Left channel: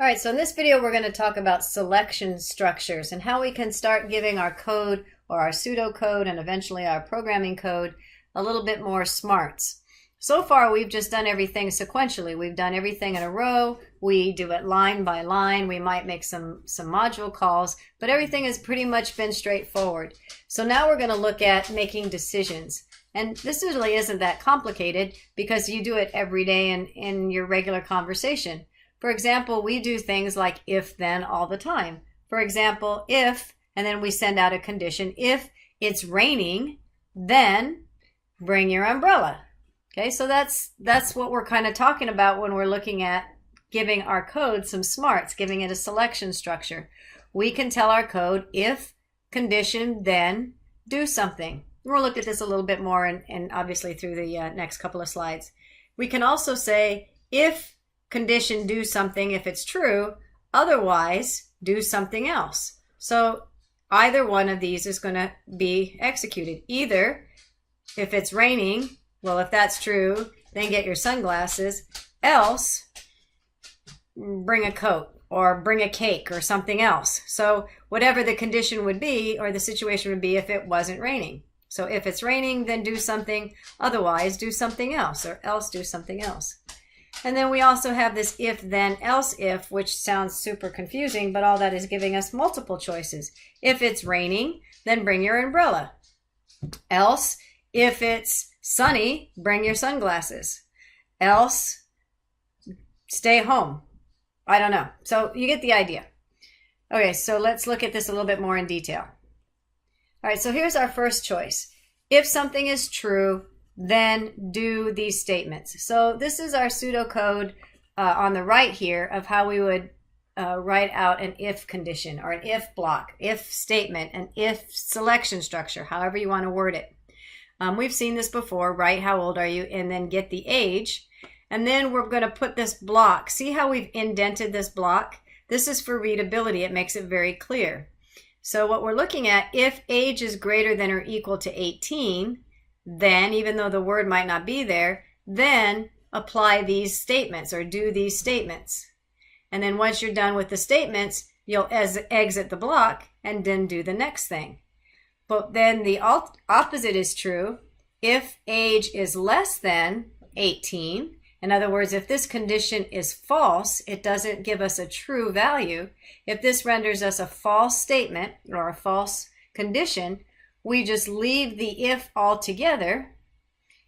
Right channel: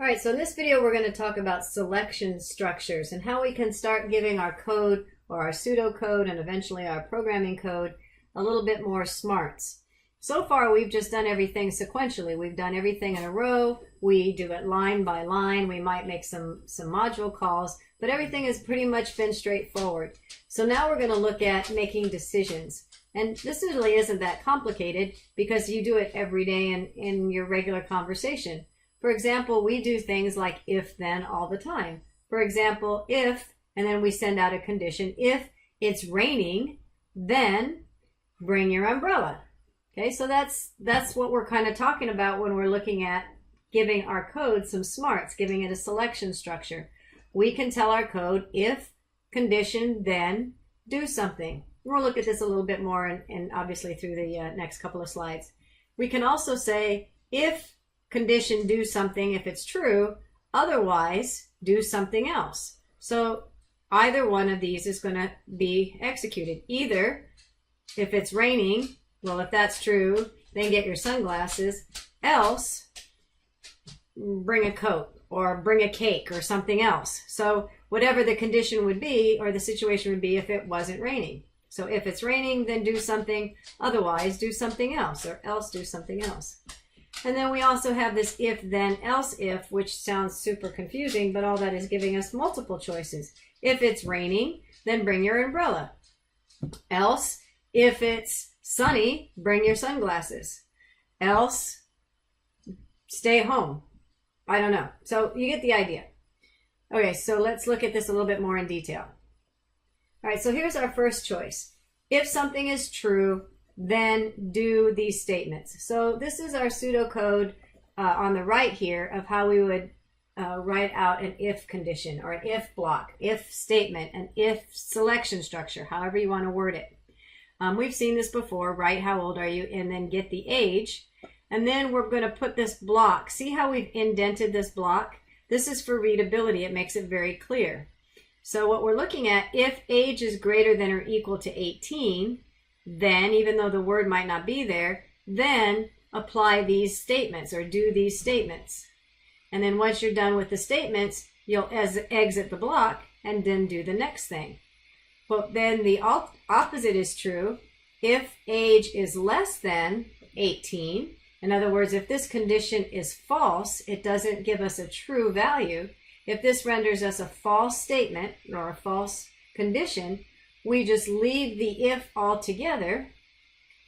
All right, so in this video, we're going to talk about selection structures and how we can start giving our code or our pseudocode and eventually our programming code a little bit more smarts. So far, we've just done everything sequentially. We've done everything in a row. We do it line by line. We might make some module calls, but everything has pretty much been straightforward. So now we're going to look at making decisions. And this really isn't that complicated because you do it every day in your regular conversation. For example, we do things like if, then all the time. For example, if, and then we send out a condition. If it's raining, then bring your umbrella. Okay, so that's what we're kind of talking about when we're looking at giving our code some smarts, giving it a selection structure. We can tell our code if, condition, then do something. We'll look at this a little bit more and obviously through the next couple of slides. We can also say if, condition, do something if it's true, otherwise do something else. So either one of these is going to be executed. Either if it's raining, well, if that's true, then get your sunglasses, else bring a coat or bring a cake or something else. So whatever the condition would be or the situation would be if it wasn't raining. So if it's raining, then do something, otherwise do something else, or else do something else. And then we also have this if, then, else if, which sounds super confusing, but all that is giving us multiple choices. If it's raining, then bring your umbrella. Else, if it's sunny, bring your sunglasses. Else, stay home. I don't know. So you get the idea. Okay, so let's look at this a little bit more in detail. All right, so here's our first choice. If something is true, then do these statements. So this is our pseudocode on the right here of how we would write out an if condition or an if block, if statement, an if selection structure, however you want to word it. We've seen this before, write how old are you, and then get the age. And then we're going to put this block. See how we've indented this block? This is for readability. It makes it very clear. So what we're looking at, if age is greater than or equal to 18, then, even though the word might not be there, then apply these statements or do these statements. And then once you're done with the statements, you'll exit the block and then do the next thing. But then the opposite is true. If age is less than 18, in other words, if this condition is false, it doesn't give us a true value. If this renders us a false statement or a false condition, we just leave the if altogether.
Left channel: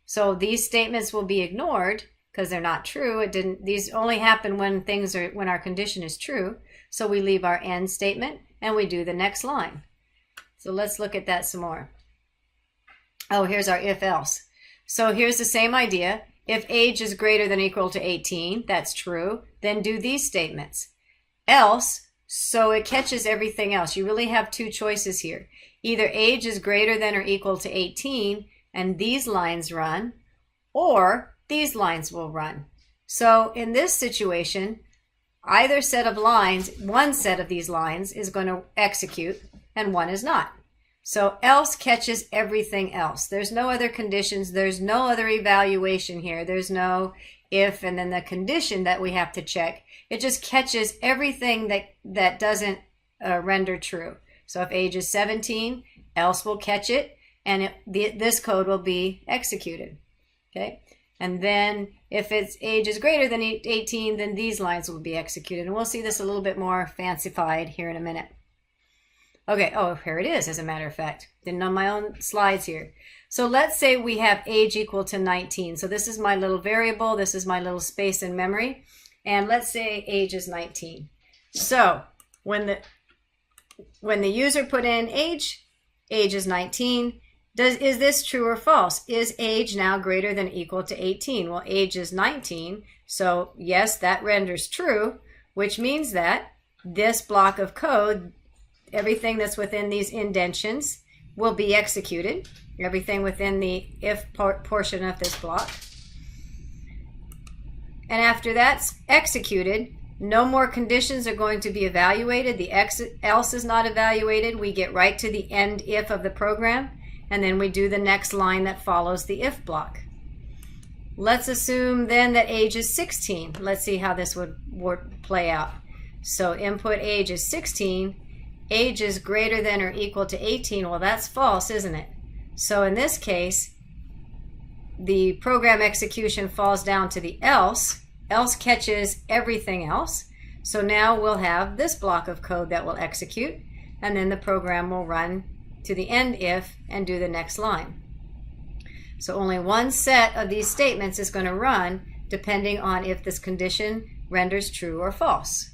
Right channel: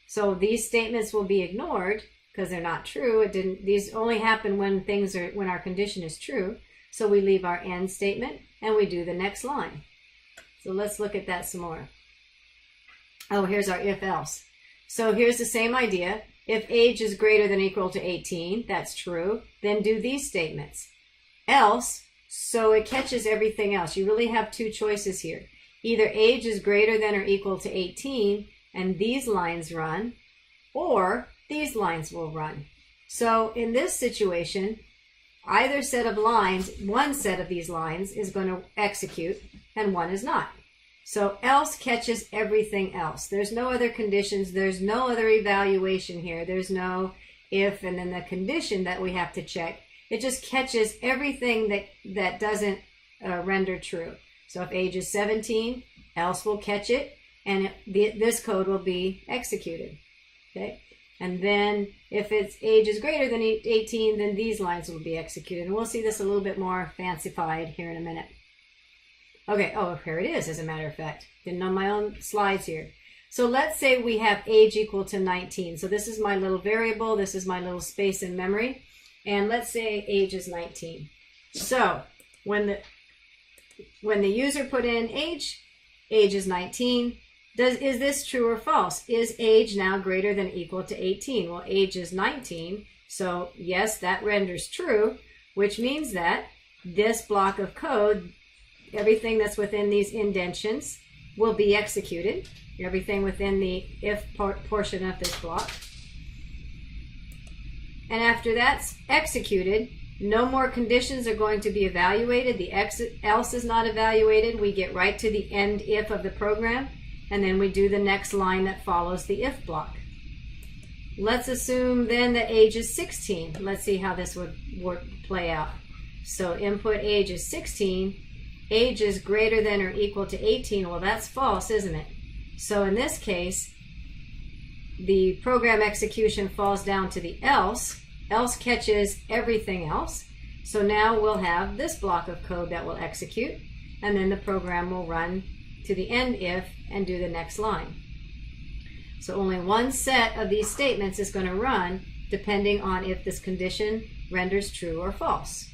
So these statements will be ignored because they're not true. These only happen when when our condition is true. So we leave our end statement and we do the next line. So let's look at that some more. Oh, here's our if else. So here's the same idea. If age is greater than or equal to 18, that's true, then do these statements. Else, so it catches everything else. You really have two choices here. Either age is greater than or equal to 18, and these lines run, or these lines will run. So in this situation, either set of lines, one set of these lines is going to execute, and one is not. So else catches everything else. There's no other conditions. There's no other evaluation here. There's no if and then the condition that we have to check. It just catches everything that doesn't render true. So if age is 17, else will catch it, and this code will be executed. Okay, and then if its age is greater than 18, then these lines will be executed. And we'll see this a little bit more fancified here in a minute. Okay, oh, here it is, as a matter of fact. Didn't on my own slides here. So let's say we have age equal to 19. So this is my little variable. This is my little space in memory. And let's say age is 19. So when the user put in age is 19, is this true or false? Is age now greater than or equal to 18? Well, age is 19, so yes, that renders true, which means that this block of code, everything that's within these indentions will be executed, everything within the if portion of this block. And after that's executed, no more conditions are going to be evaluated. The else is not evaluated. We get right to the end if of the program, and then we do the next line that follows the if block. Let's assume then that age is 16. Let's see how this would play out. So input age is 16. Age is greater than or equal to 18. Well, that's false, isn't it? So in this case, the program execution falls down to the else. Else catches everything else. So now we'll have this block of code that will execute, and then the program will run to the end if and do the next line. So only one set of these statements is going to run depending on if this condition renders true or false.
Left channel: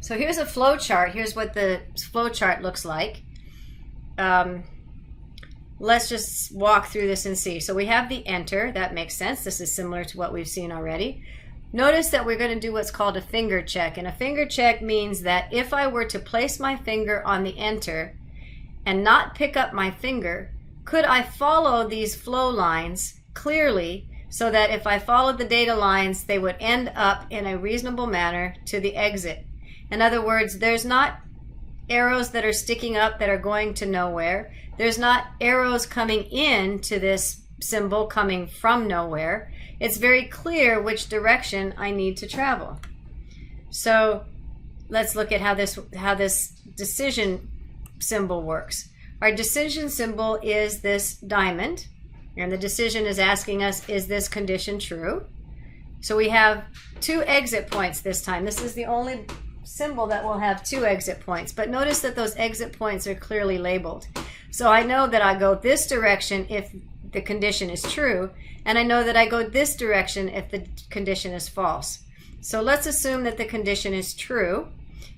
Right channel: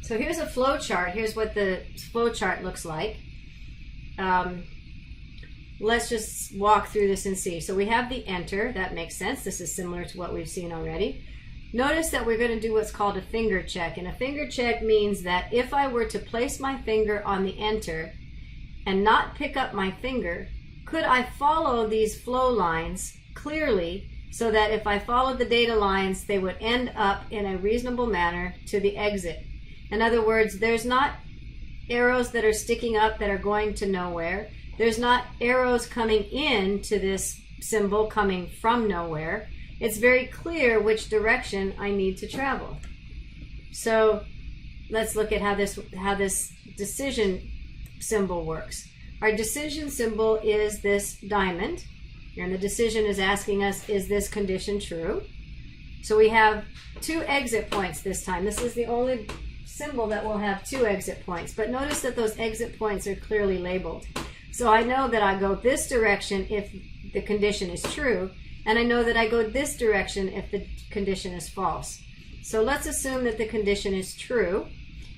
So here's a flow chart. Here's what the flow chart looks like. Let's just walk through this and see. So we have the enter. That makes sense. This is similar to what we've seen already. Notice that we're going to do what's called a finger check. And a finger check means that if I were to place my finger on the enter and not pick up my finger, could I follow these flow lines clearly so that if I followed the data lines, they would end up in a reasonable manner to the exit? In other words, there's not arrows that are sticking up that are going to nowhere. There's not arrows coming in to this symbol coming from nowhere. It's very clear which direction I need to travel. So let's look at how this decision symbol works. Our decision symbol is this diamond, and the decision is asking us, is this condition true? So we have 2 exit points this time. This is the only symbol that will have 2 exit points, but notice that those exit points are clearly labeled. So I know that I go this direction if the condition is true, and I know that I go this direction if the condition is false. So let's assume that the condition is true.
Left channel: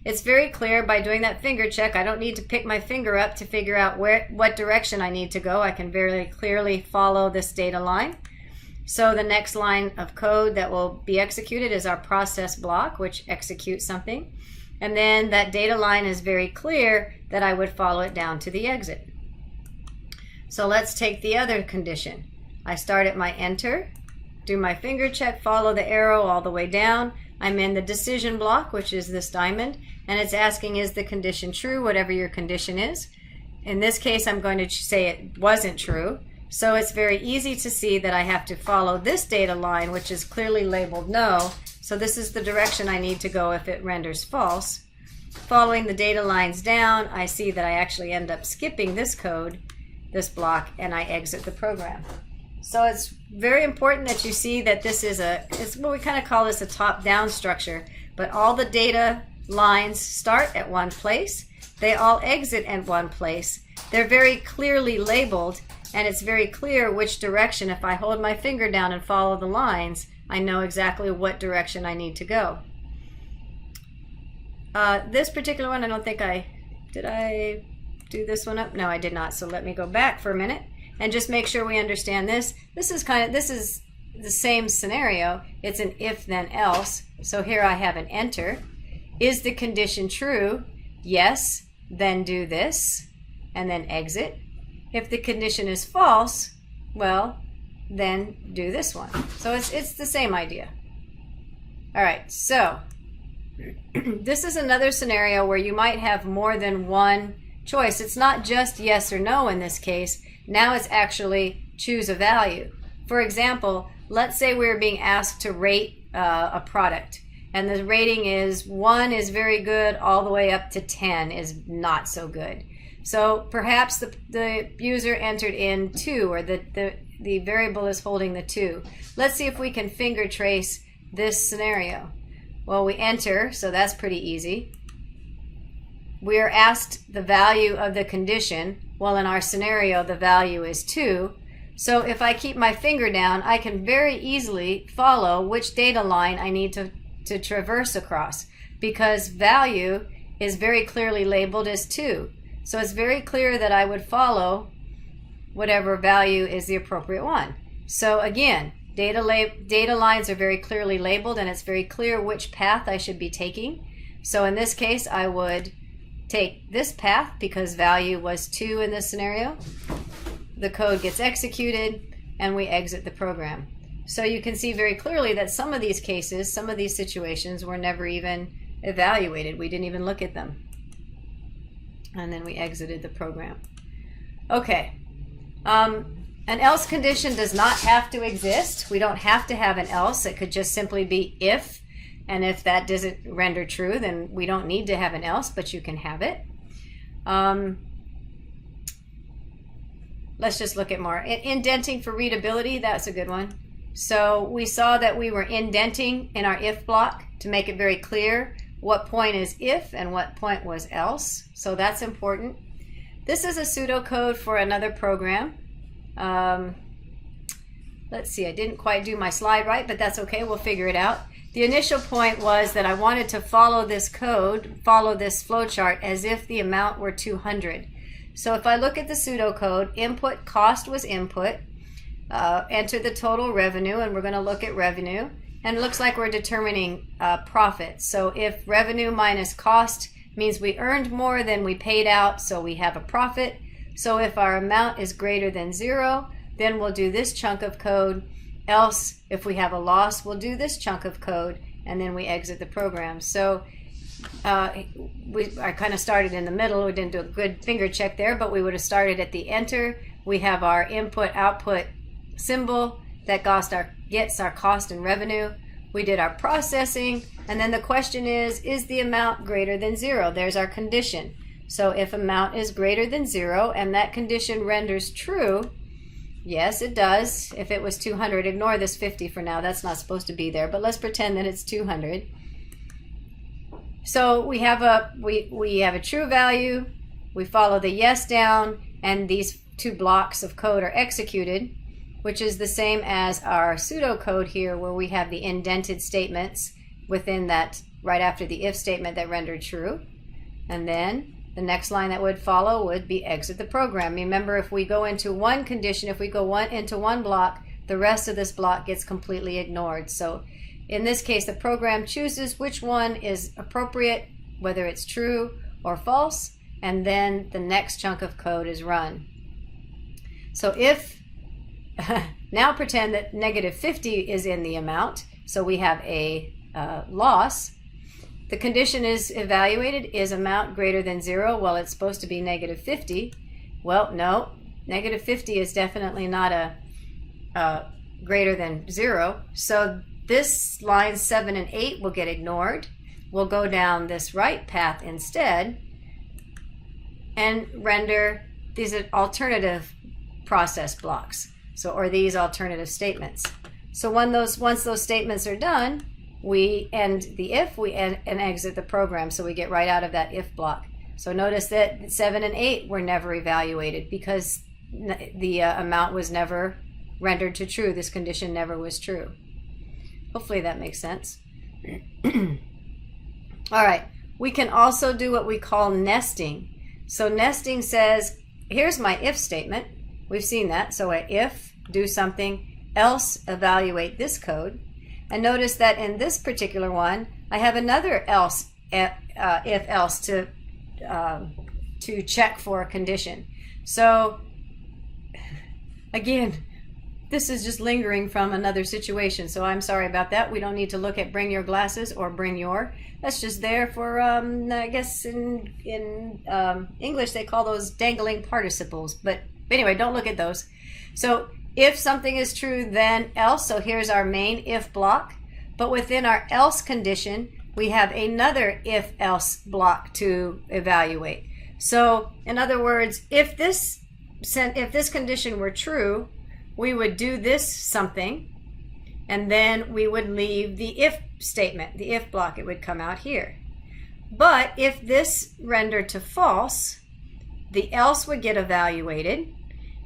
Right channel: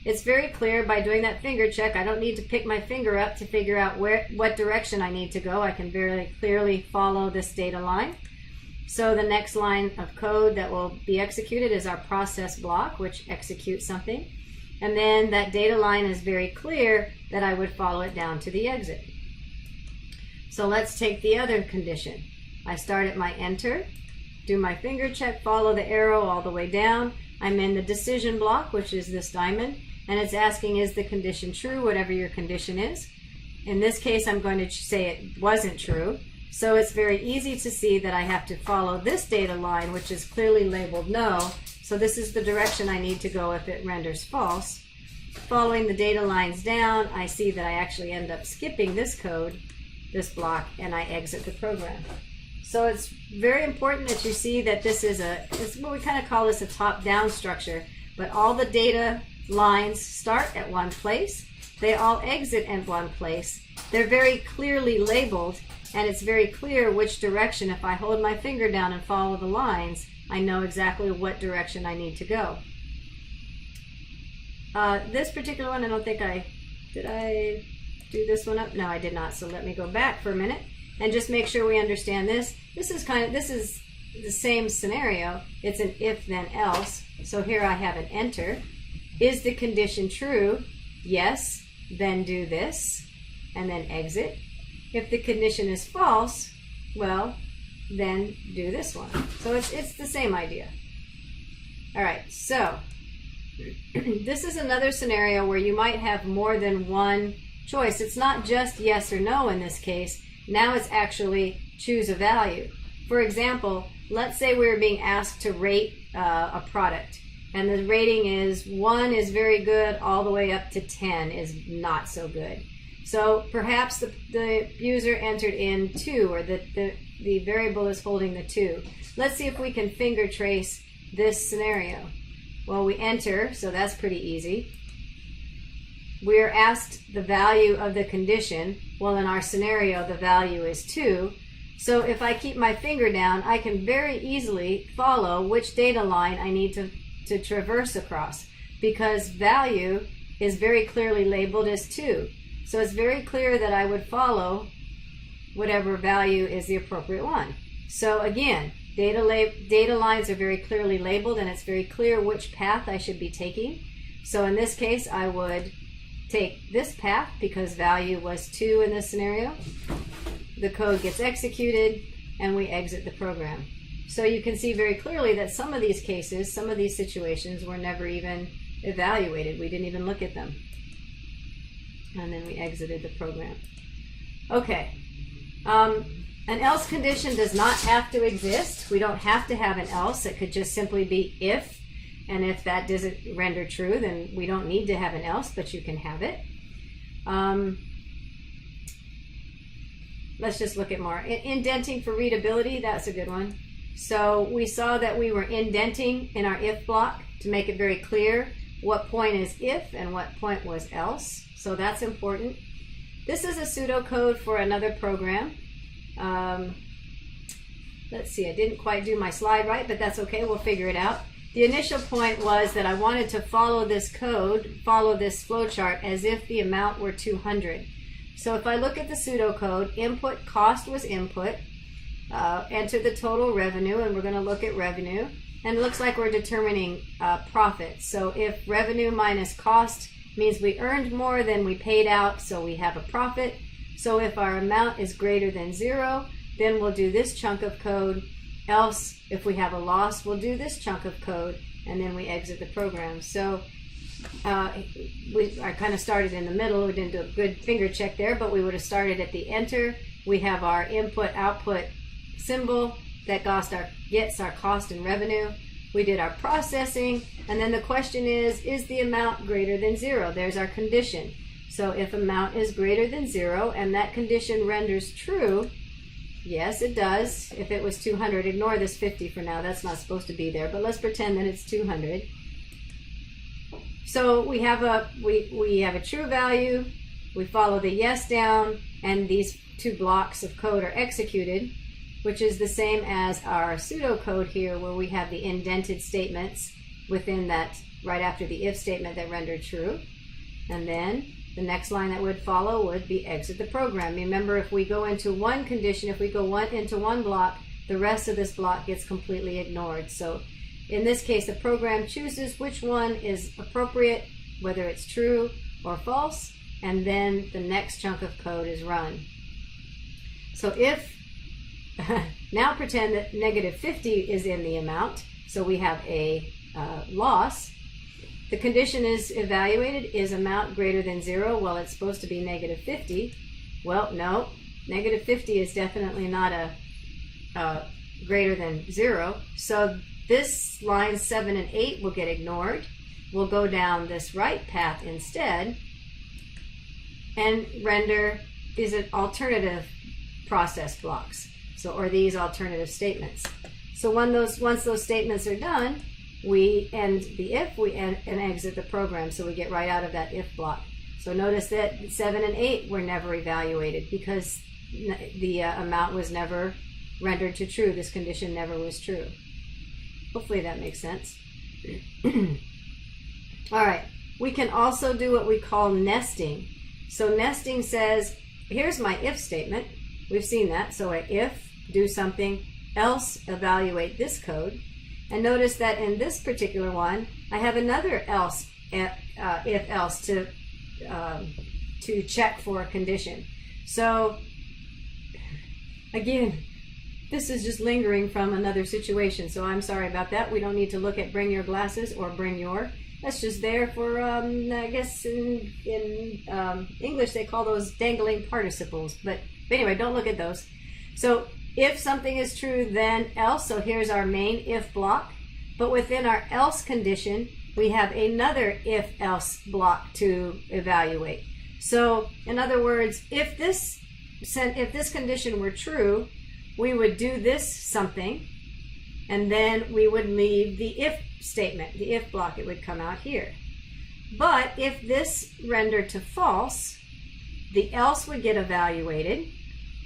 It's very clear by doing that finger check. I don't need to pick my finger up to figure out what direction I need to go. I can very clearly follow this data line. So the next line of code that will be executed is our process block, which executes something. And then that data line is very clear that I would follow it down to the exit. So let's take the other condition. I start at my enter, do my finger check, follow the arrow all the way down. I'm in the decision block, which is this diamond, and it's asking, is the condition true, whatever your condition is. In this case, I'm going to say it wasn't true. So it's very easy to see that I have to follow this data line, which is clearly labeled no. So this is the direction I need to go if it renders false. Following the data lines down, I see that I actually end up skipping this code, this block, and I exit the program. So it's very important that you see that this is it's what we kind of call this a top-down structure, but all the data lines start at one place. They all exit at one place. They're very clearly labeled, and it's very clear which direction. If I hold my finger down and follow the lines, I know exactly what direction I need to go. This particular one, I don't think did I do this one up? No, I did not. So let me go back for a minute and just make sure we understand this. This is the same scenario. It's an if then else. So here I have an enter. Is the condition true? Yes, then do this, and then exit. If the condition is false, well, then do this one. So it's the same idea. All right, so this is another scenario where you might have more than one choice. It's not just yes or no in this case. Now it's actually choose a value. For example, let's say we're being asked to rate a product, and the rating is 1 is very good all the way up to 10 is not so good. So perhaps the user entered in 2, or the variable is holding the 2. Let's see if we can finger trace this scenario. Well, we enter, so that's pretty easy. We are asked the value of the condition. Well, in our scenario, the value is 2. So if I keep my finger down, I can very easily follow which data line I need to traverse across, because value is very clearly labeled as 2. So it's very clear that I would follow whatever value is the appropriate one. So again, data lines are very clearly labeled, and it's very clear which path I should be taking. So in this case, I would take this path because value was 2 in this scenario. The code gets executed, and we exit the program. So you can see very clearly that some of these cases, some of these situations were never even evaluated. We didn't even look at them. And then we exited the program. Okay. An else condition does not have to exist. We don't have to have an else. It could just simply be if. And if that doesn't render true, then we don't need to have an else, but you can have it. Let's just look at more. Indenting for readability, that's a good one. So we saw that we were indenting in our if block to make it very clear what point is if and what point was else. So that's important. This is a pseudocode for another program. Let's see, I didn't quite do my slide right, but that's okay, we'll figure it out. The initial point was that I wanted to follow this code, follow this flowchart as if the amount were 200. So if I look at the pseudocode, input cost was input, enter the total revenue, and we're going to look at revenue. And it looks like we're determining profit. So if revenue minus cost means we earned more than we paid out, so we have a profit. So if our amount is greater than 0, then we'll do this chunk of code. Else, if we have a loss, we'll do this chunk of code, and then we exit the program. So I kind of started in the middle. We didn't do a good finger check there, but we would have started at the enter. We have our input output symbol that gets our cost and revenue. We did our processing, and then the question is the amount greater than 0? There's our condition. So if amount is greater than 0 and that condition renders true, yes, it does. If it was 200, ignore this 50 for now. That's not supposed to be there, but let's pretend that it's 200. So we have a true value. We follow the yes down, and these two blocks of code are executed, which is the same as our pseudocode here, where we have the indented statements within that, right after the if statement that rendered true. And then the next line that would follow would be exit the program. Remember, if we go into one condition, if we go into one block, the rest of this block gets completely ignored. So in this case, the program chooses which one is appropriate, whether it's true or false, and then the next chunk of code is run. So if, now pretend that negative 50 is in the amount, so we have a loss. The condition is evaluated, is amount greater than 0? Well, it's supposed to be negative 50. Well, no, negative 50 is definitely not a greater than 0. So this lines 7 and 8 will get ignored. We'll go down this right path instead and render these alternative process blocks. So, or these alternative statements. So once those statements are done, we end the if, and exit the program, so we get right out of that if block. So notice that 7 and 8 were never evaluated because the amount was never rendered to true. This condition never was true. Hopefully that makes sense. All right, we can also do what we call nesting. So nesting says, here's my if statement. We've seen that. So a if, do something, else evaluate this code. And notice that in this particular one, I have another else, if else to check for a condition. So again, this is just lingering from another situation. So I'm sorry about that. We don't need to look at bring your glasses or bring your. That's just there for, I guess in English they call those dangling participles. But anyway, don't look at those. So if something is true, then else. So here's our main if block. But within our else condition, we have another if else block to evaluate. So in other words, if this condition were true, we would do this something, and then we would leave the if statement, the if block. It would come out here. But if this rendered to false, the else would get evaluated.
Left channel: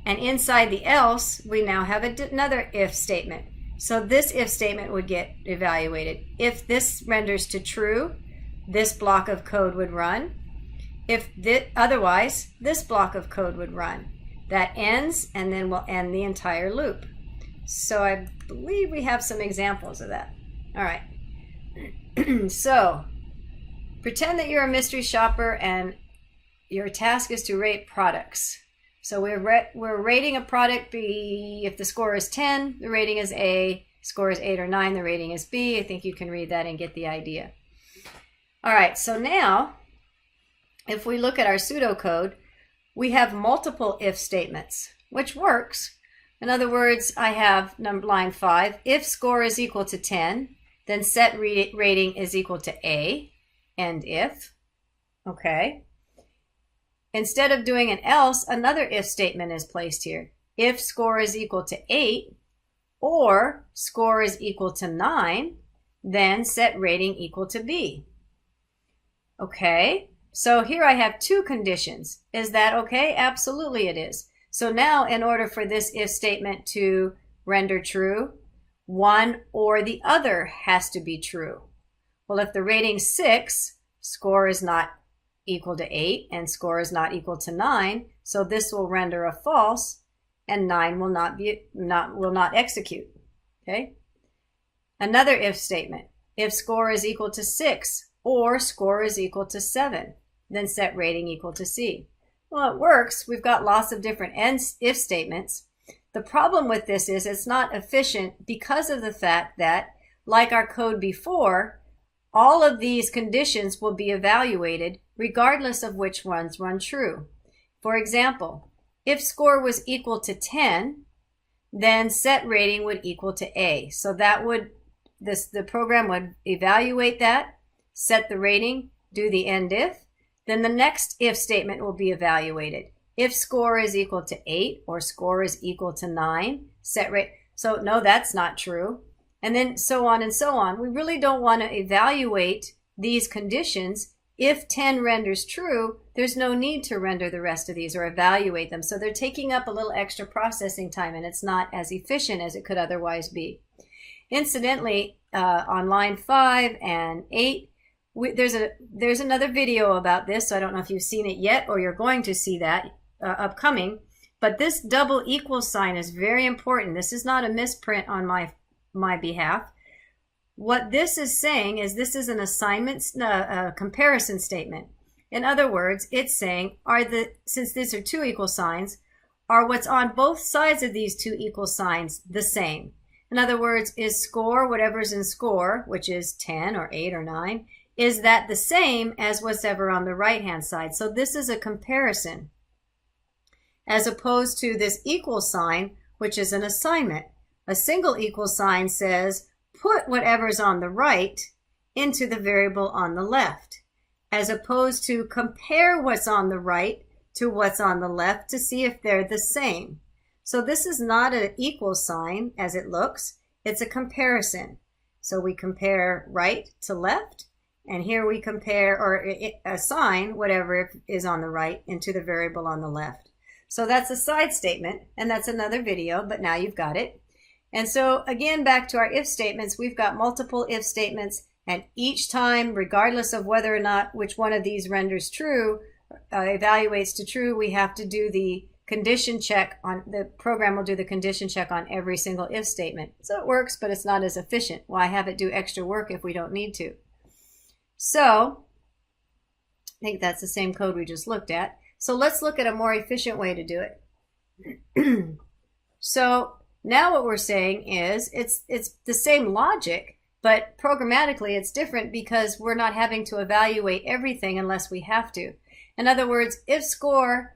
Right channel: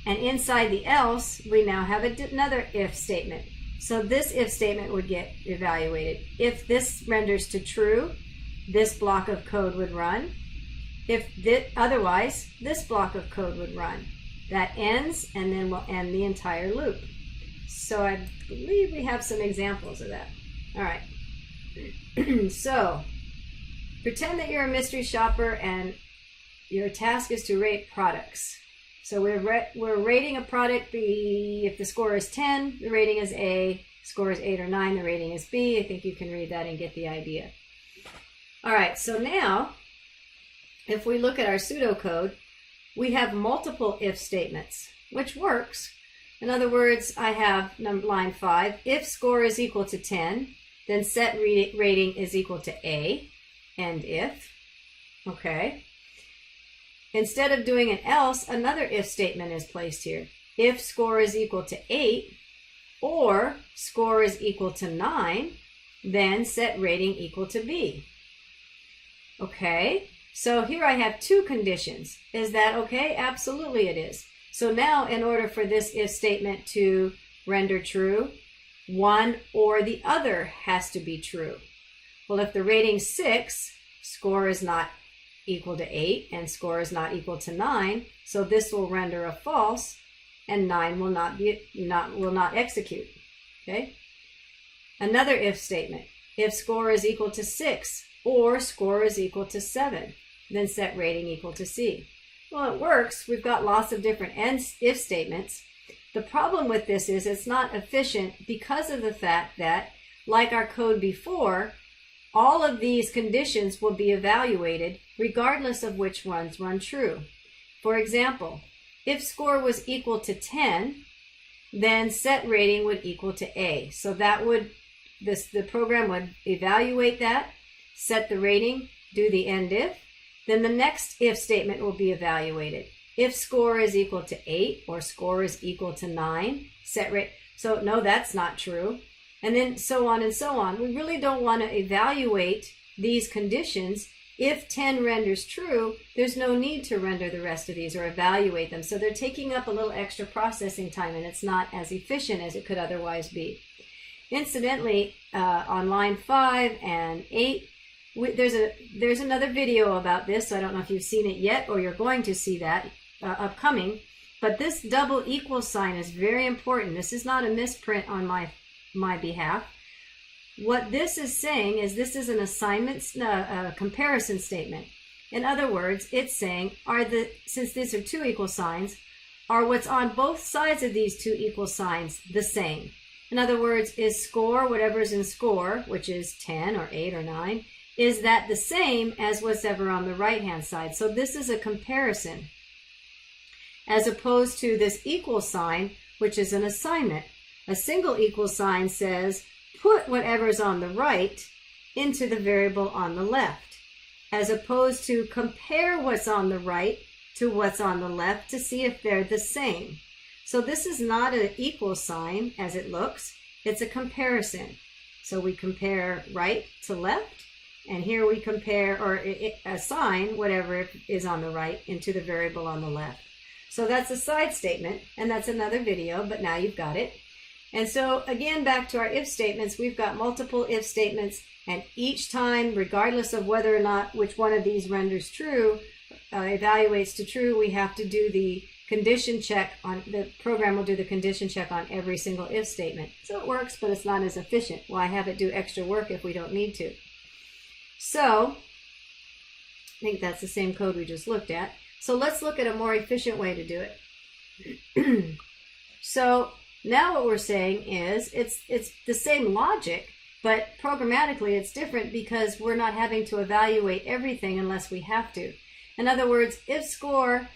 And inside the else, we now have another if statement. So this if statement would get evaluated. If this renders to true, this block of code would run. If otherwise, this block of code would run. That ends, and then we'll end the entire loop. So I believe we have some examples of that. All right. So pretend that you're a mystery shopper and your task is to rate products. So we're rating a product B. If the score is 10, the rating is A. Score is 8 or 9, the rating is B. I think you can read that and get the idea. All right, so now if we look at our pseudocode, we have multiple if statements, which works. In other words, I have line 5, if score is equal to 10, then set rating is equal to A, end if. Okay. Instead of doing an else, another if statement is placed here. If score is equal to 8 or score is equal to 9, then set rating equal to B. Okay, so here I have two conditions. Is that okay? Absolutely it is. So now in order for this if statement to render true, one or the other has to be true. Well, if the rating's 6, score is not equal to 8 and score is not equal to 9, so this will render a false and 9 will not execute. Okay? Another if statement. If score is equal to 6 or score is equal to 7, then set rating equal to C. Well, it works. We've got lots of different if statements. The problem with this is it's not efficient because of the fact that, like our code before, all of these conditions will be evaluated regardless of which ones run true. For example, if score was equal to 10, then set rating would equal to A. So that would, the program would evaluate that, set the rating, do the end if, then the next if statement will be evaluated. If score is equal to 8 or score is equal to 9, set rate. So no, that's not true. And then so on and so on. We really don't want to evaluate these conditions. If 10 renders true, there's no need to render the rest of these or evaluate them. So they're taking up a little extra processing time and it's not as efficient as it could otherwise be. Incidentally, on line 5 and 8, there's another video about this. So I don't know if you've seen it yet or you're going to see that upcoming. But this double equal sign is very important. This is not a misprint on my behalf. What this is saying is this is an assignment, comparison statement. In other words, it's saying, since these are two equal signs, are what's on both sides of these two equal signs the same? In other words, is score, whatever's in score, which is 10 or 8 or 9, is that the same as whatever on the right-hand side? So this is a comparison, as opposed to this equal sign, which is an assignment. A single equal sign says, put whatever's on the right into the variable on the left, as opposed to compare what's on the right to what's on the left to see if they're the same. So this is not an equal sign as it looks, it's a comparison. So we compare right to left, and here we compare or assign whatever is on the right into the variable on the left. So that's a side statement, and that's another video, but now you've got it. And so again, back to our if statements, we've got multiple if statements, and each time, regardless of whether or not which one of these renders true, evaluates to true, we have to do the condition check on, the program will do the condition check on every single if statement. So it works, but it's not as efficient. Why have it do extra work if we don't need to? So I think that's the same code we just looked at. So let's look at a more efficient way to do it. So now what we're saying is it's the same logic, but programmatically it's different because we're not having to evaluate everything unless we have to. In other words, if score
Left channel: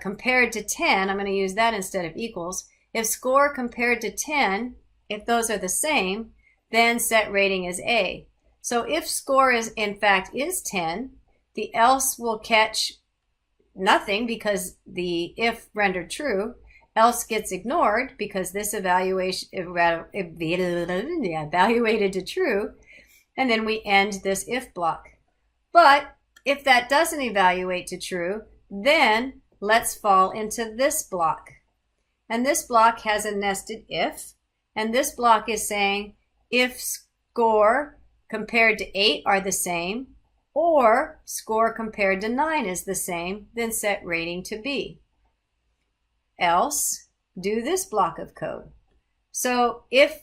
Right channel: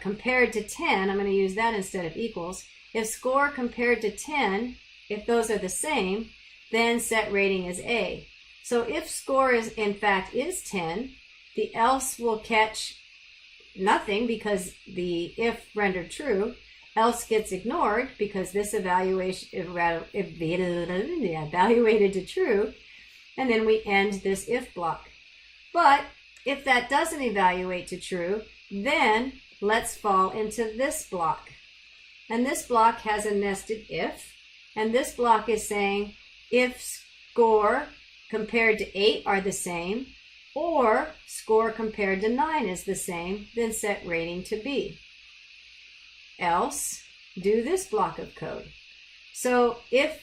compared to 10, I'm going to use that instead of equals. If score compared to 10, if those are the same, then set rating is A. So if score is in fact is 10, the else will catch nothing because the if rendered true. Else gets ignored because this evaluation evaluated to true, and then we end this if block. But if that doesn't evaluate to true, then let's fall into this block. And this block has a nested if, and this block is saying if score compared to 8 are the same, or score compared to 9 is the same, then set rating to B. Else, do this block of code. So if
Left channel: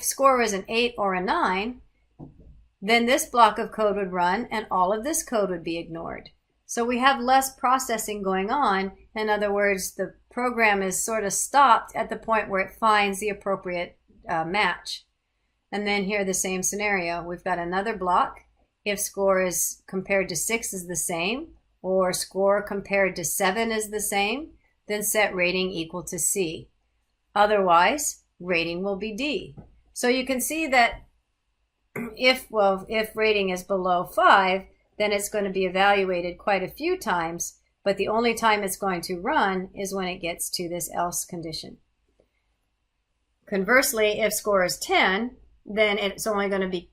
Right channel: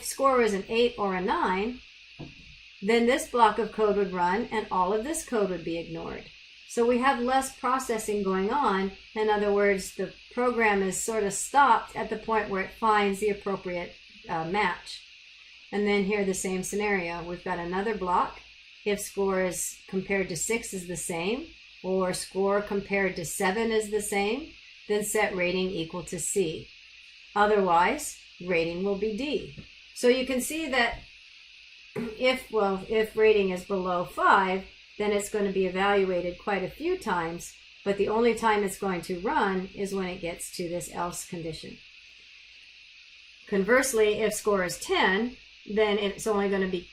score was an 8 or a 9, then this block of code would run and all of this code would be ignored. So we have less processing going on. In other words, the program is sort of stopped at the point where it finds the appropriate match. And then here the same scenario. We've got another block. If score is compared to 6 is the same, or score compared to 7 is the same, then set rating equal to C. Otherwise, rating will be D. So you can see that if rating is below 5, then it's going to be evaluated quite a few times, but the only time it's going to run is when it gets to this else condition. Conversely, if score is 10, then it's only going to be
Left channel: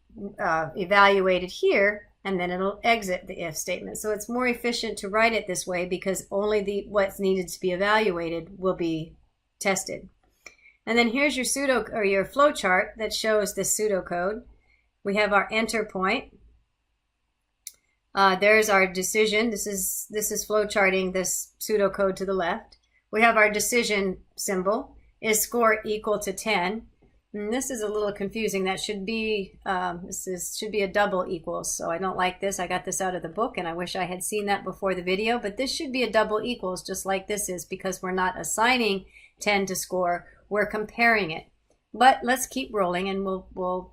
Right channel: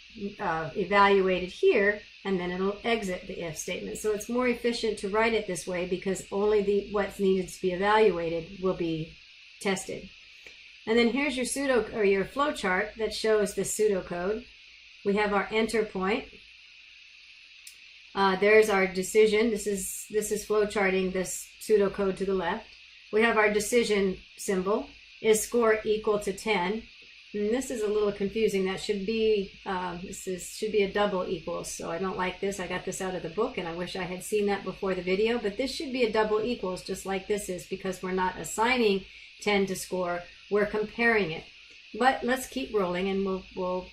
evaluated here, and then it'll exit the if statement. So it's more efficient to write it this way because only what's needed to be evaluated will be tested. And then here's your your flowchart that shows this pseudocode. We have our enter point. There's our decision. This is flowcharting this pseudocode to the left. We have our decision symbol. Is score equal to 10? And this is a little confusing. That should be should be a double equals. So I don't like this. I got this out of the book, and I wish I had seen that before the video. But this should be a double equals, just like this is, because we're not assigning 10 to score. We're comparing it. But let's keep rolling, and we'll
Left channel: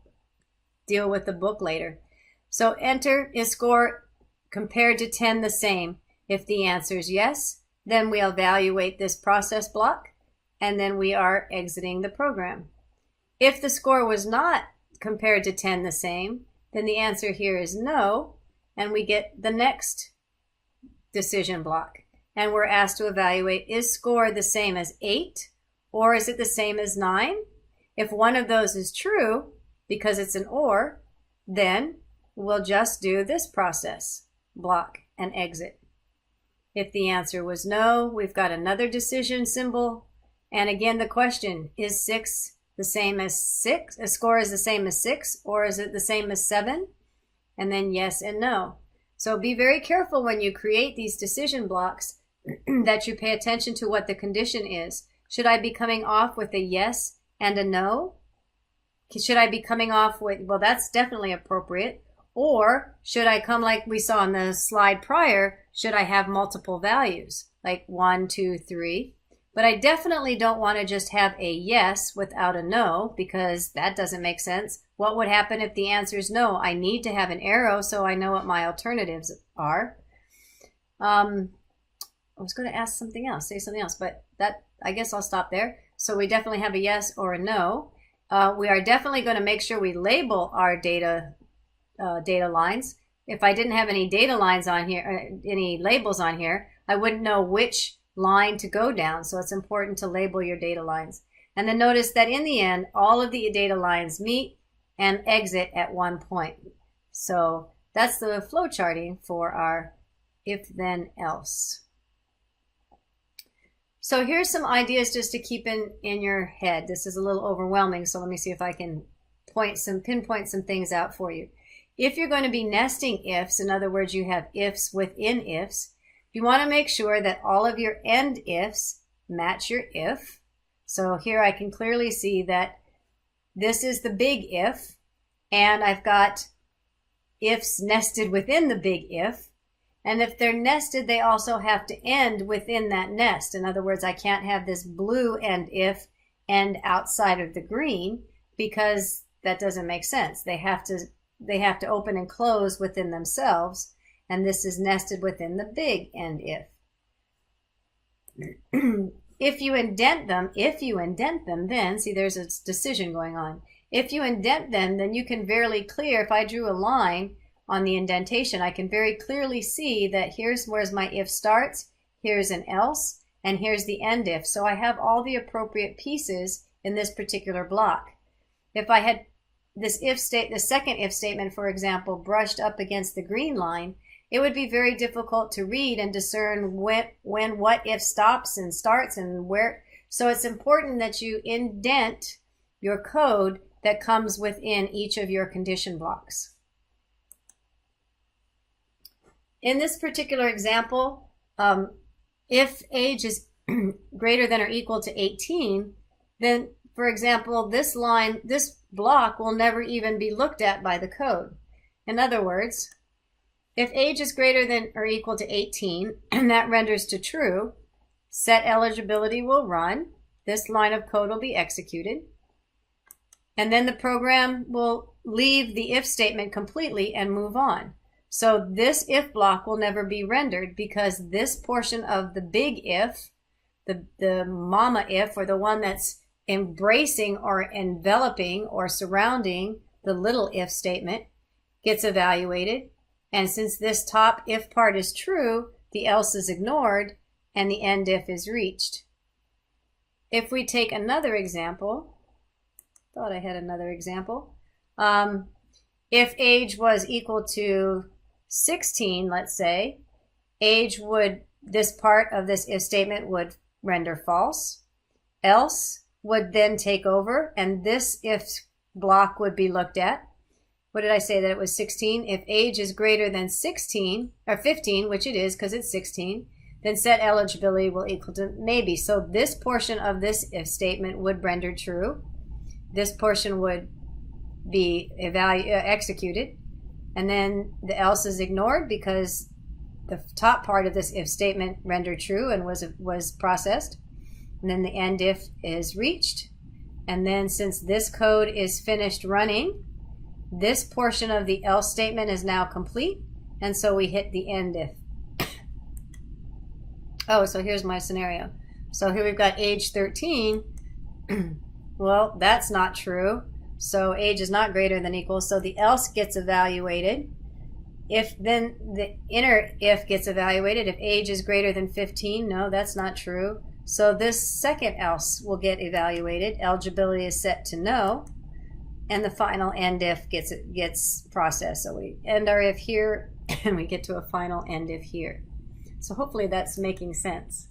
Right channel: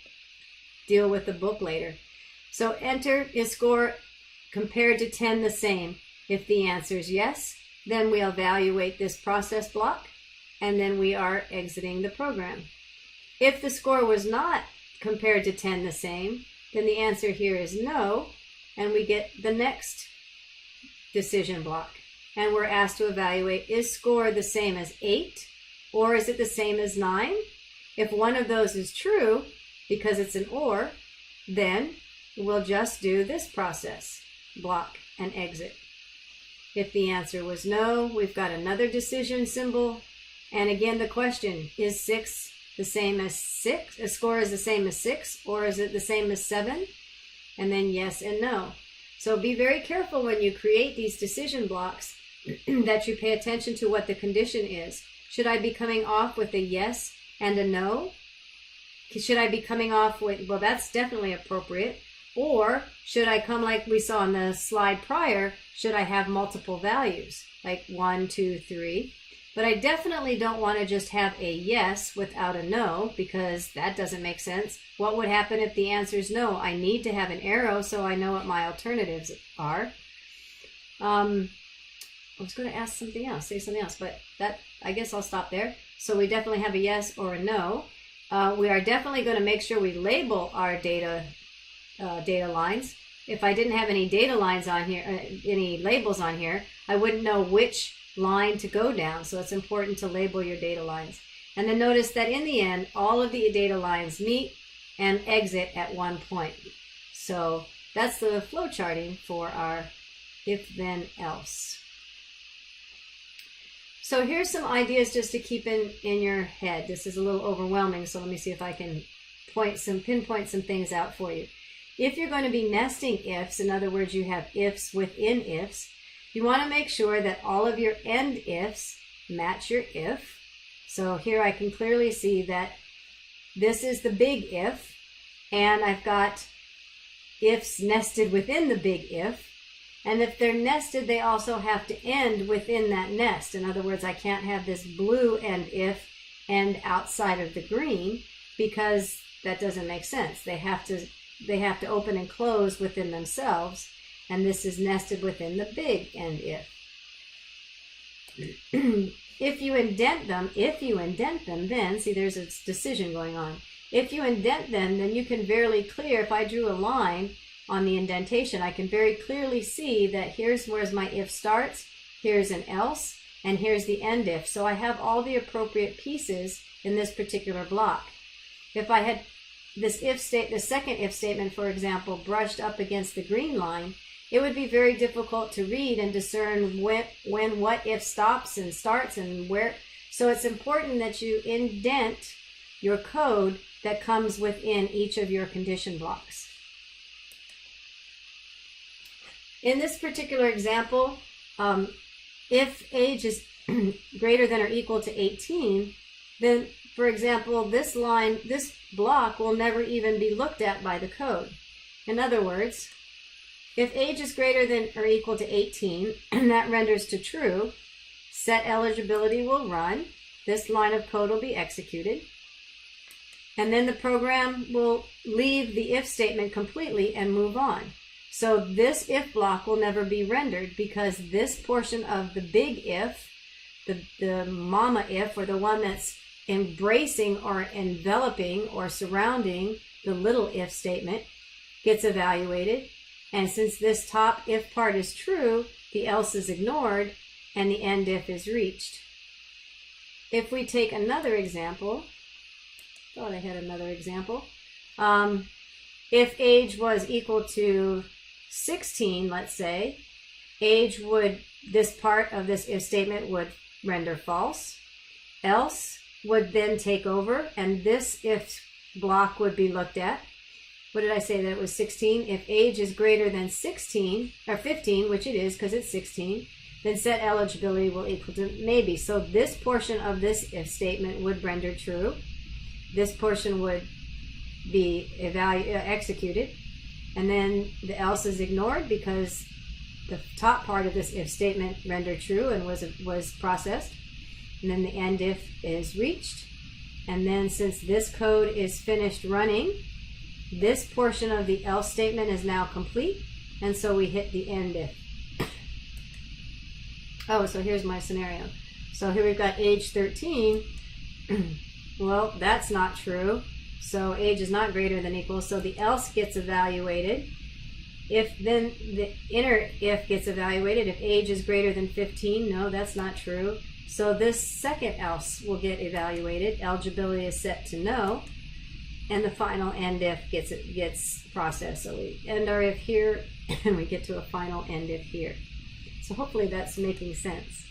deal with the book later. So enter, is score compared to 10 the same? If the answer is yes, then we evaluate this process block, and then we are exiting the program. If the score was not compared to 10 the same, then the answer here is no, and we get the next decision block. And we're asked to evaluate, is score the same as 8, or is it the same as 9? If one of those is true, because it's an or, then we'll just do this process block and exit. If the answer was no, we've got another decision symbol. And again, the question, is 6 the same as 6? A score is the same as 6, or is it the same as 7? And then yes and no. So be very careful when you create these decision blocks that you pay attention to what the condition is. Should I be coming off with a yes and a no? Should I be coming off with, well, that's definitely appropriate. Or should I come like we saw on the slide prior, should I have multiple values, like 1, 2, 3? But I definitely don't want to just have a yes without a no, because that doesn't make sense. What would happen if the answer is no? I need to have an arrow so I know what my alternatives are. I was going to ask something else, say something else, but that, I guess I'll stop there. So we definitely have a yes or a no. We are definitely going to make sure we label our data lines. If I didn't have any data lines on here, any labels on here, I wouldn't know which line to go down. So it's important to label your data lines. And then notice that in the end, all of the data lines meet and exit at one point. So that's the flow charting for our if then else. So here's some ideas just to keep in your head. This is a little overwhelming, so let me see if I can pinpoint some things out for you. If you're going to be nesting ifs, in other words, you have ifs within ifs, you want to make sure that all of your end ifs match your if. So here I can clearly see that this is the big if, and I've got ifs nested within the big if. And if they're nested, they also have to end within that nest. In other words, I can't have this blue end if end outside of the green, because that doesn't make sense. They have to open and close within themselves, and this is nested within the big end if. If you indent them, then, see, there's a decision going on. If you indent them, then you can very clear, if I drew a line on the indentation, I can very clearly see that here's where my if starts, here's an else, and here's the end if. So I have all the appropriate pieces in this particular block. If I had this the second if statement, for example, brushed up against the green line, it would be very difficult to read and discern when what if stops and starts and where. So it's important that you indent your code that comes within each of your condition blocks. In this particular example, if age is greater than or equal to 18, then, for example, this block will never even be looked at by the code. In other words, if age is greater than or equal to 18, and that renders to true, set eligibility will run. This line of code will be executed. And then the program will leave the if statement completely and move on. So this if block will never be rendered, because this portion of the big if, the mama if, or the one that's embracing or enveloping or surrounding the little if statement gets evaluated. And since this top if part is true, the else is ignored and the end if is reached. If we take another example, thought I had another example. If age was equal to 16, let's say, age would, this part of this if statement would render false. Else would then take over, and this if block would be looked at. What did I say that it was 16? If age is greater than 16, or 15, which it is because it's 16, then set eligibility will equal to maybe. So this portion of this if statement would render true. This portion would be executed. And then the else is ignored because the top part of this if statement rendered true and was processed. And then the end if is reached. And then since this code is finished running, this portion of the else statement is now complete. And so we hit the end if. Oh, so here's my scenario. So here we've got age 13. Well, that's not true. So age is not greater than equal. So the else gets evaluated. If then the inner if gets evaluated, if age is greater than 15, no, that's not true. So this second else will get evaluated. Eligibility is set to no. And the final end if gets processed. So we end our if here and we get to a final end if here. So hopefully that's making sense.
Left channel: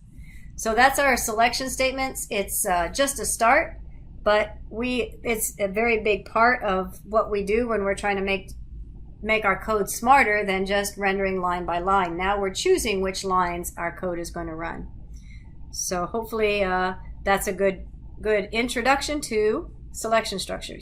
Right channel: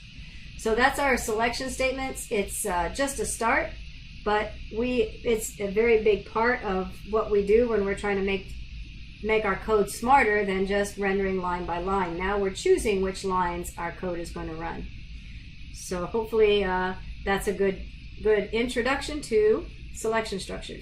So that's our selection statements. It's just a start, but it's a very big part of what we do when we're trying to make our code smarter than just rendering line by line. Now we're choosing which lines our code is going to run. So hopefully that's a good introduction to selection structures.